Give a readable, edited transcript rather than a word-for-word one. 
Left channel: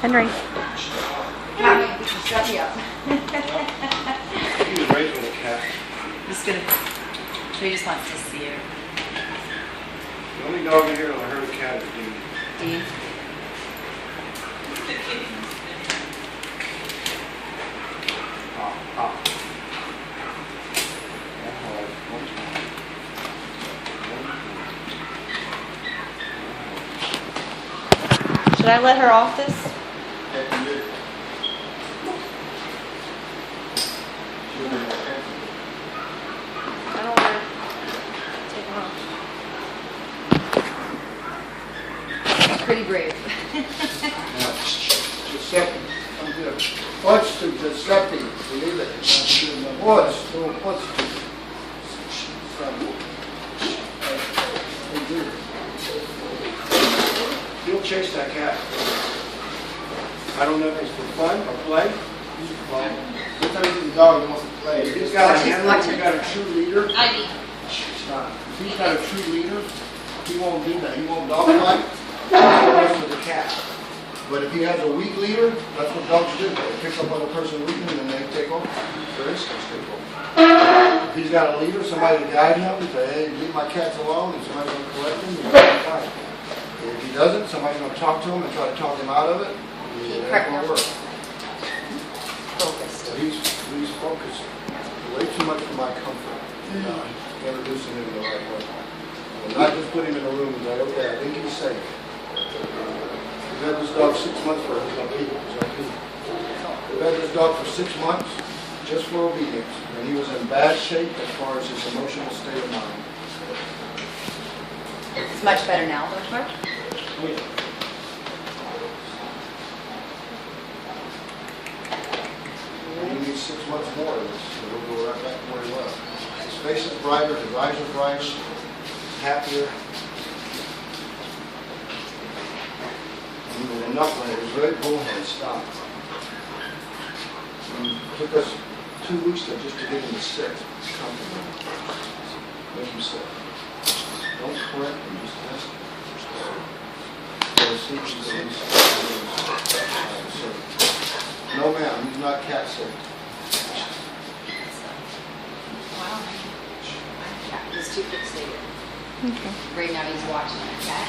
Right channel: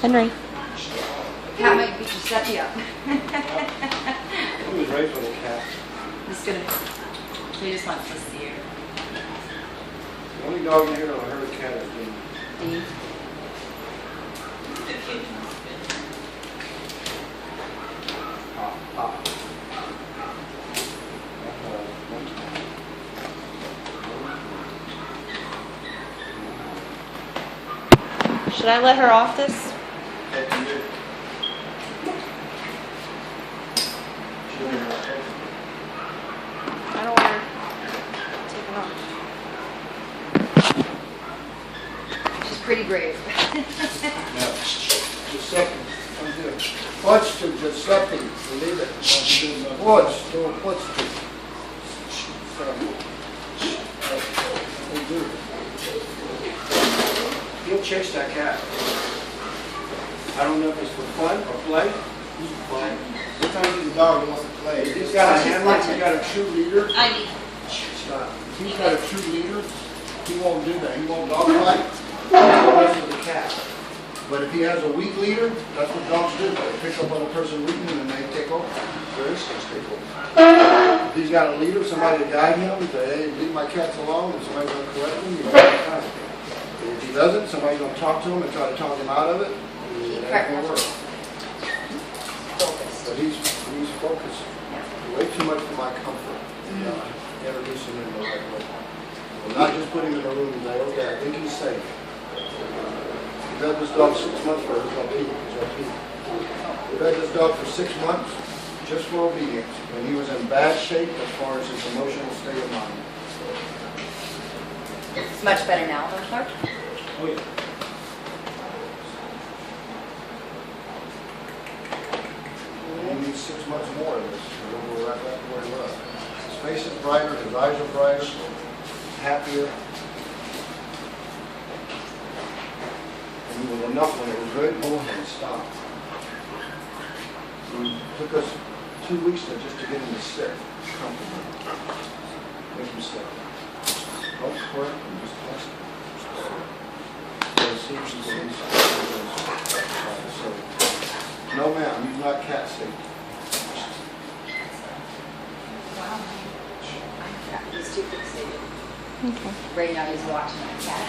Henry. Cat might beat your stuffy up. He was raised with a cat. He's gonna. He just wants to see you. The only dog in here that'll hurt a cat is Dean. Dean. Pop, pop. Should I let her off this? I don't want her taken off. Pretty brave. Giuseppe, come here. Watch to Giuseppe, believe it. Watch, don't watch to. He'll chase that cat. I don't know if it's for fun or play. Sometimes he's a dog that wants to play. If he's got a She's handler, watching. he's got a true leader. Ivy. It's not. If he's got a true leader, he won't do that. He won't dog fight. He'll mess with the cat. But if he has a weak leader, that's what dogs do. They pick up on a person weak and then they take over. Their instincts take over. If he's got a leader, somebody to guide him, and say, hey, leave my cats alone, and somebody's going to correct him, he's going to fight. If he doesn't, somebody's going to talk to him and try to talk him out of it. It ain't going to work. But he's focused way too much for my comfort. Introducing him in the right way. And not just put him in a room and say, okay, I think he's safe. We've had this dog 6 months for he's gonna pee. We've had this dog for 6 months just for obedience, and he was in bad shape as far as his emotional state of mind. It's much better now, don't Mark? Oh, yeah. And he needs 6 months more of this, and we'll go right back to where he was. His face is brighter, his eyes are brighter, he's happier. And he was enough when it was very cold and stopped. And it took us 2 weeks just to get him to sit comfortable. Make him sit. Don't quit, and just test him. So see if he's going to sit. No ma'am, he's not cat safe. Wow. He's too fixated. Okay. Right now he's watching that cat.